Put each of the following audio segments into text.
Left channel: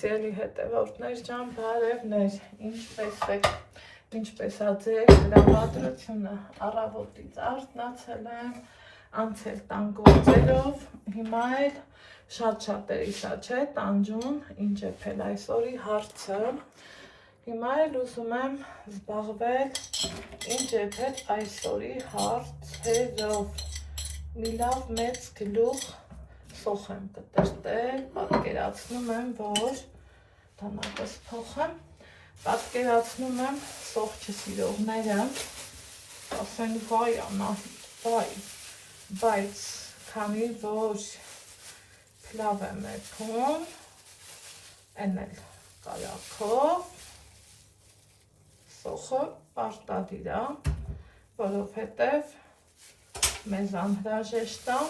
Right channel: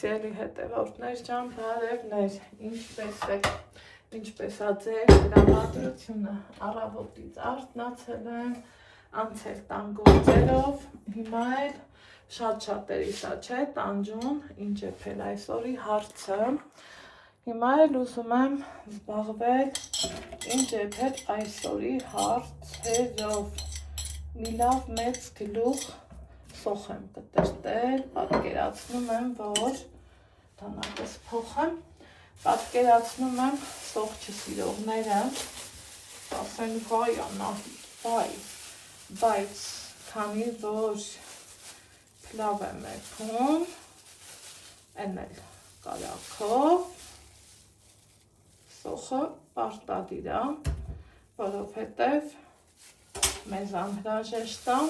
Սիրելի հետևորդներ ջան, բարևներ, ինչպես է ձեր դրամատրությունը, առավոտից արթնացել եմ, անցել տան գործերով, հիմա էլ շատ-շատերի սա չէ, տանջուն, ինչ է փել այսօրի հարցը, հիմա էլ ուզում եմ զբաղվել, ինչ է փել այսօրի հարցերով, մի լավ մեծ գլուխ սոխ եմ կտրտել, պատկերացնում եմ, որ դանապես փոխեմ, պատկերացնում եմ սոխ չսիրողները, ասեն վայ Անահիտ, վայ, բայց քանի որ փլավ եմ եփում, են էլ կայաքով, սոխը պարտադիր է, որովհետև մեզ անհրաժեշտ է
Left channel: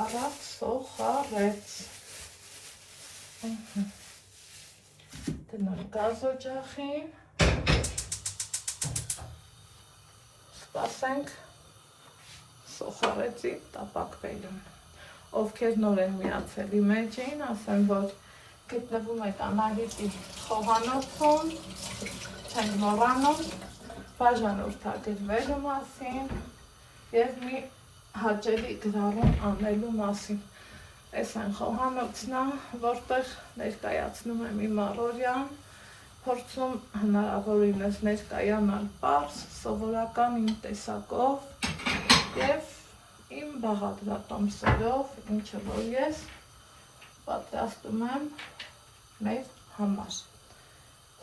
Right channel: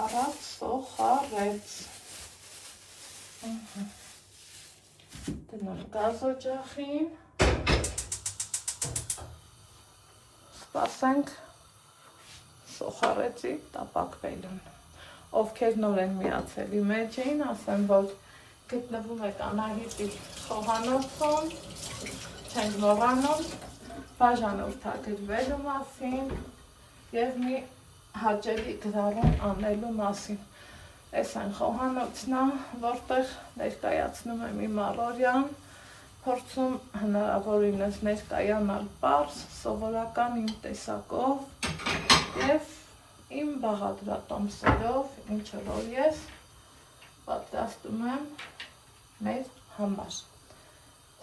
առած սոխ արեց, դնում գազօջախին, սպասենք սոխ արեցի տապակվելուն, ովքեր նոր են միացել իմեջին, ասեմ, որ գտնվում եք Անահիտի խոհանոցում, չենք մոռանում, բաժանորդագրվելու մասին և մի հաճելի գրառում անելու մասին։ Այս այն խոհանոցն է, որտեղ ներկայացնում եմ իմ առօրյան, փորձում հնարավորինս ներկայանալ պարզ, սովորական իմ տեսակով և իմ բաղադրատոմսերով, ինչը որ ես պատրաստում եմ մեր համար։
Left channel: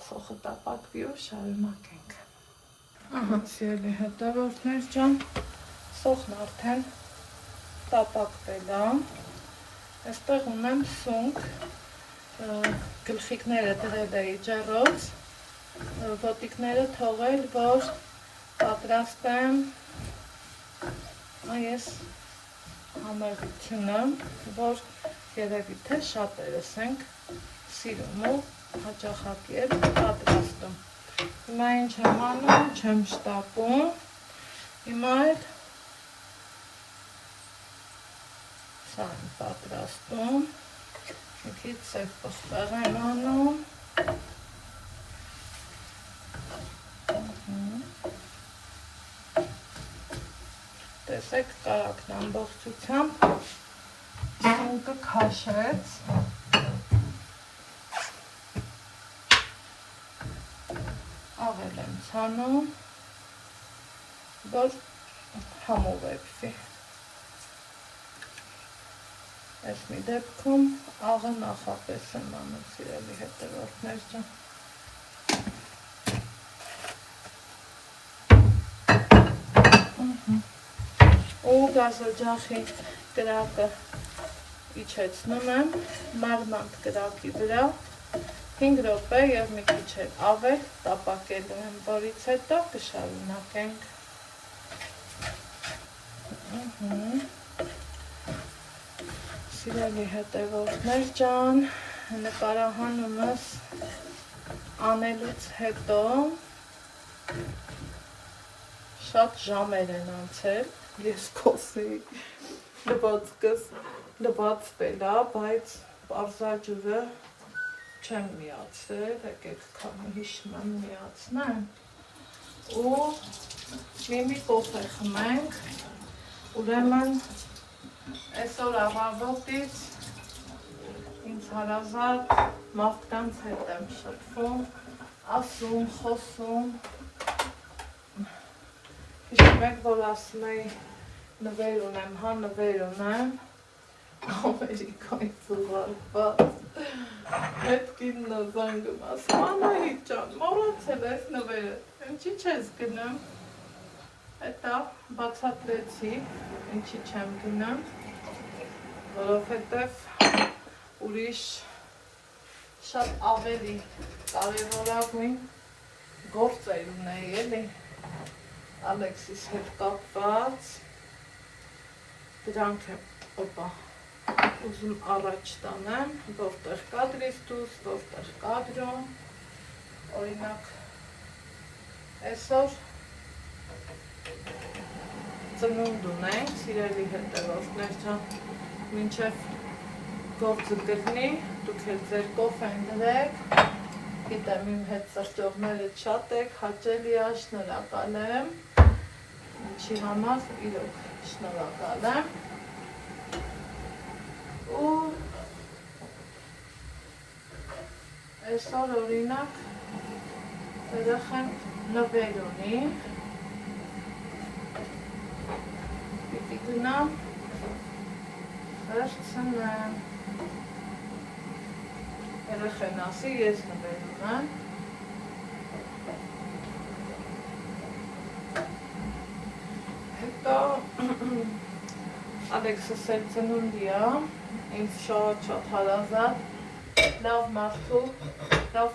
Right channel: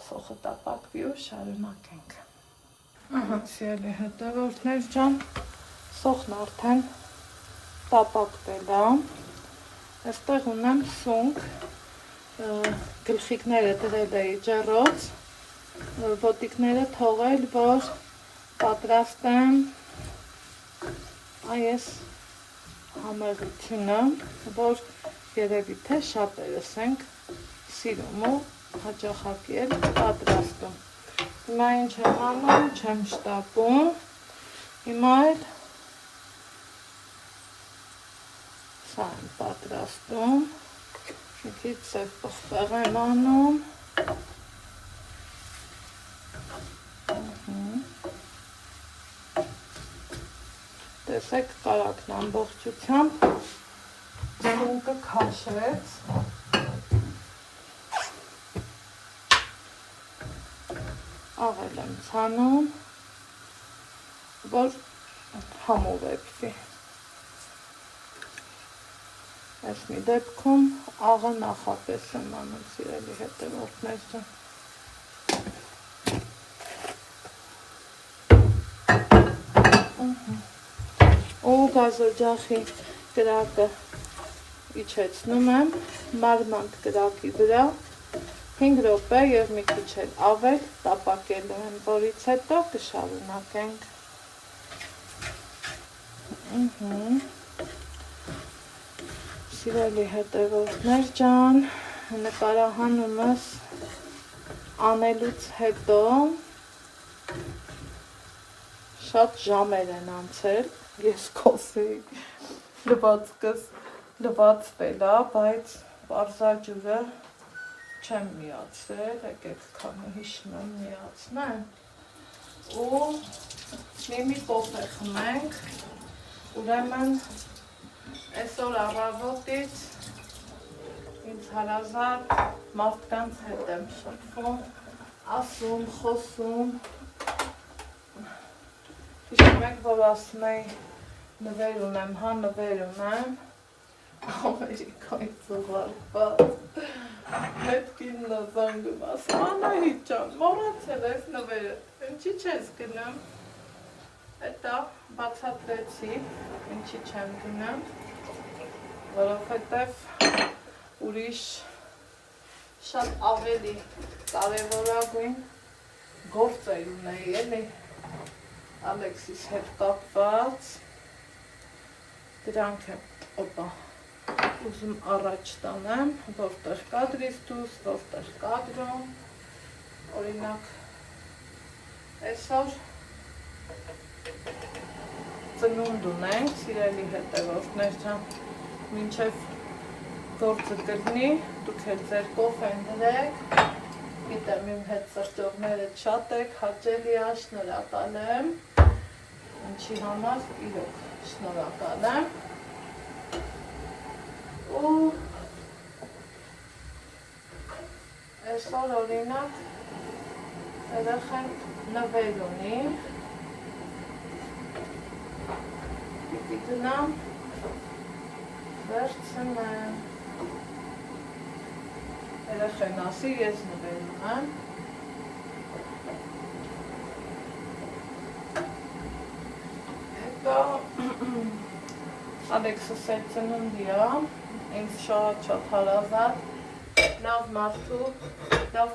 Սոխը տապակվի ու շարունակենք։ Ահա, սիրելի հետևորդներ ջան, սոխն արդեն տապակվել է, այստեղ ունեմ սունկ, գլխիկները դրել էի ջեռոց, ոտիկները թողել, որ պատրաստեմ այս համեղությունը, որ երևի թե շատերս ենք սիրում ու հաճախակի էլ պատրաստում։ Հիմա ինչ եմ անում, չեմ շտապում, հիմա էլ սա եմ պատրաստում, մի քիչ սև պղպեղ եմ անում, տեսեք կարակն ամբողջությամբ սունկը քաշեց, աղել եմ ցանում, որ համով եփվի։ Այս մի դեպքում աղը նախապես եմ անում, սիրելի հետևորդներ ջան։ Ու գազօջախի կրակը իջեցնում եմ մարմանդ կրակի վրա 5 րոպե և մի քիչ էլ ավել տապակելու եմ, որից հետո կշարունակենք։ Սիրելի հետևորդներ ջան, նկարահանումս անելուց հետո շատ ժամեր են անցել, ես կոսեի լվացքս լվացվել է, բայց պարզաջուրը չեմ միացել, եկեք քանի հիշում եմ միացնեմ ու մի կոֆե խմենք, ուրեմն այսօր առավոտից ինձ հարազատ մարդկանց հետ եմ շփվում, ասում, խոսում, հիշում եք, որ ասում էի նվեր ունեմ, հա նվեր ունեմ, Ամերիկայից ուղարկված, հետ կինն զանգում, ասում Անահիտ ջան, մոռացել ես նվերը, ինչի չես գնում, հետո բացատրեցի, ինչի չեմ գնում, որովհետև ուրիշ շատ ավելի կարևորագույն գործեր ունեի, էլի Ալեքսիս հետ կապված, դրանք եմ ուզում առաջ տանեմ, որտեղ կադրից դուրս, որտեղ կադրում, օրինակ այսօր ծնունդ ունենք, սիրելի հետևորդներ ջան, մինչև գործը դրնի, դուք էլ ձեր կոֆեն դրեք, գիտեմ իմ հետ սրճողները շատ եք, հաճելի է, շնորհակալ եմ, ինչի համար իրոք շնորհակալ եմ, ու այսօր օրինակ երեխան նվեր ունի, պիտի գնամ, վերցնեմ, երեխան ասի, ես նվեր ունեմ, հետո Ալեքսս էլ ծնունդի է, ինձ շատ հարազատ, լավ մարդու, լավ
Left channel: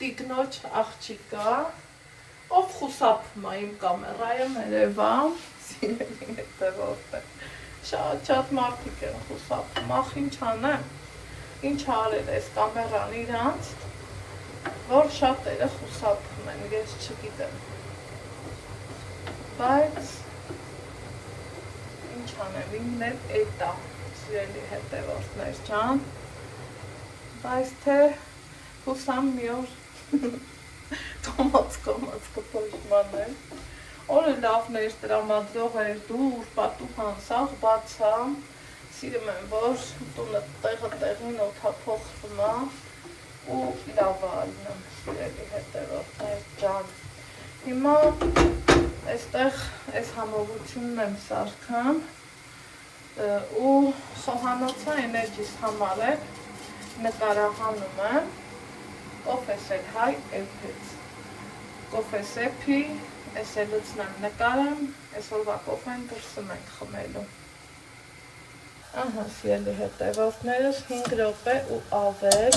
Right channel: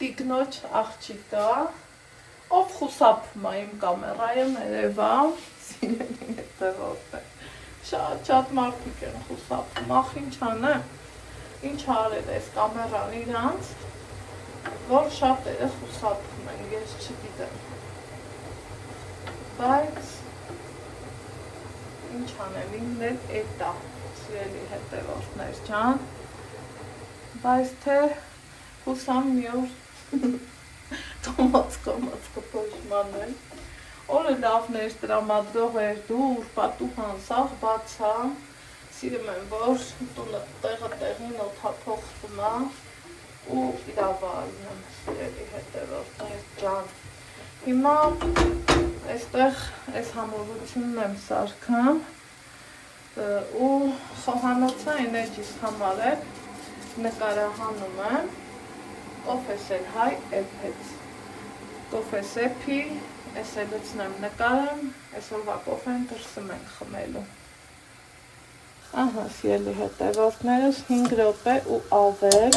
տիկնոջ աղջիկա, ով խուսափում է իմ կամերայը ներևա, սիրելի հետևորդը, շատ մարդիկ են խուսափում, ախ ինչ անեմ, ինչ արել ես կամերան իրանց, որ շատերը խուսափում են, ես չգիտեմ, բայց ինչ անեմ, ինքն էլ էտ է, սիրելի հետևորդներ ջան, բայց թե հուսամ մի օր թոմաց կպոշման եմ, օրը լավներ տրամադրող էր դուր, պատուհան, սաղ բացա, սիրում եմ, որ տունը տեղը տեղին օդափոխվում է ու լավ ալնեմ, սիրելի հետևորդներ ջան, հիմա այստեղ այս համողությունն եմ սարքան ու խոհանոցը էներջիս համար է, նկարահանումը կոֆեսել հայ էփեց, կոֆեսեփի, ես է լուծնեմ նկարեմ, այսօրվա կոֆեն դրսում ենք խմելու, ահա սիրելի հետևորդներս 5 րոպե ու ավել,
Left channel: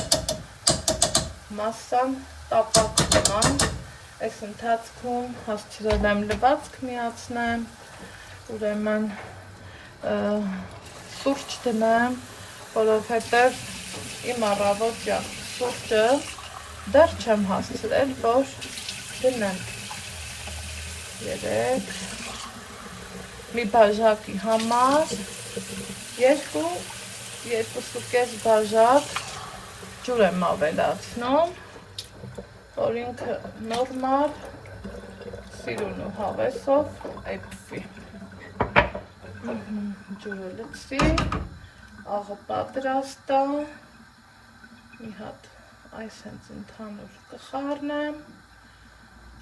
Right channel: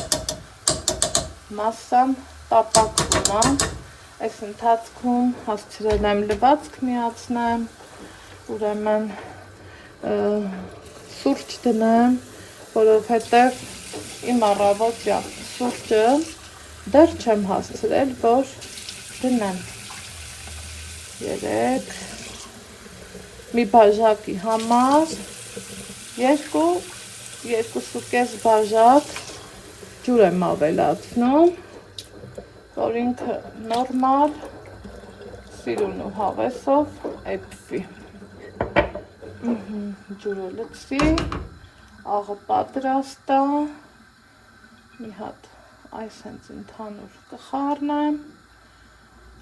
մասսան տապակվում է, այս ընթացքում հասցրել եմ լվացք միացնեմ, ուրեմն սուրճ դնեմ, որովհետև իմ առավոտյա սուրճը դեռ չեմ հասցրել, որ դնեմ 3 մի բաժակի համար 2.5 բաժակ ջուր եմ ավելացնում, որ ինքը նորմալ սիրուն ու հավեսով էփվի, ջուրը լցվի, աղը պատրաստ է, մի հատ այս հենց ընդհանուր կխառնեմ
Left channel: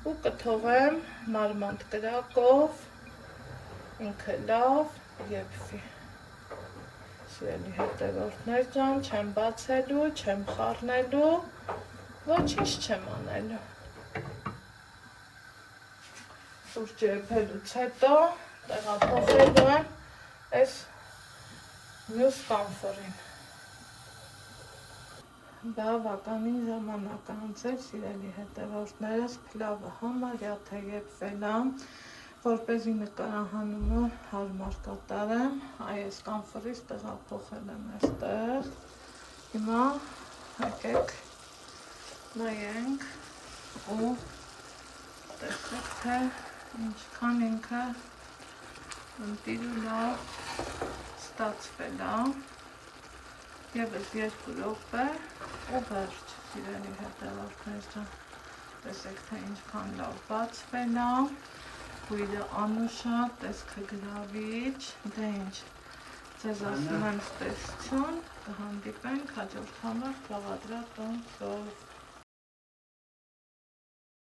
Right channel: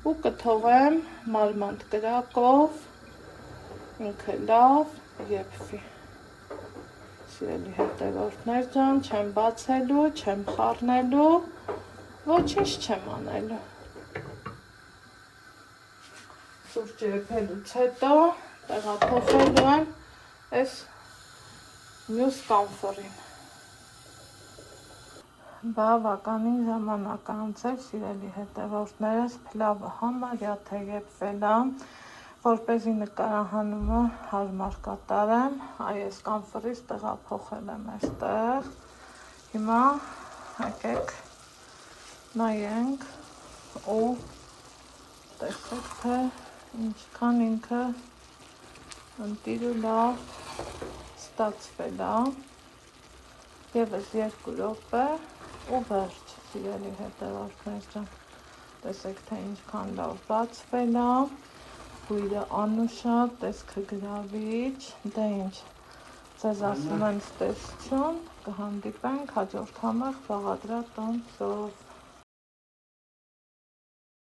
ու կթողեմ մարմանդ կրակով, ինքը լավ եփվի, սիրելի հետևորդներ ջան, չեմ բացելու, չեմ խառնելու, ոչինչ չեմ անելու, սուրճը եփելուց հետո տեղափոխելու եմ այս մյուս կամֆորին, բավականին ժամանակ անցել, սիրելի հետևորդներս, փլավը համարյա թե եփվել է, որպեսզի նկարահանումը հարմար կատարեմ, այս կամֆորից տեղափոխել եմ այստեղ, հիմա եկեք նայենք ու տեսեք թե ինչքան ինքը ընտիր ու լավ ստացվել է, ևս 2 րոպե ու վերջ, սիրելի հետևորդներ ջան, տեսեք թե ինչքան լավ բացվել է, բույրը անուշակ, տեսքը գրավիչ, դե ինչ, ձեզ ասում եմ ստեսություն, կհանդիպենք հաջորդ համար բաղադրատոմսով։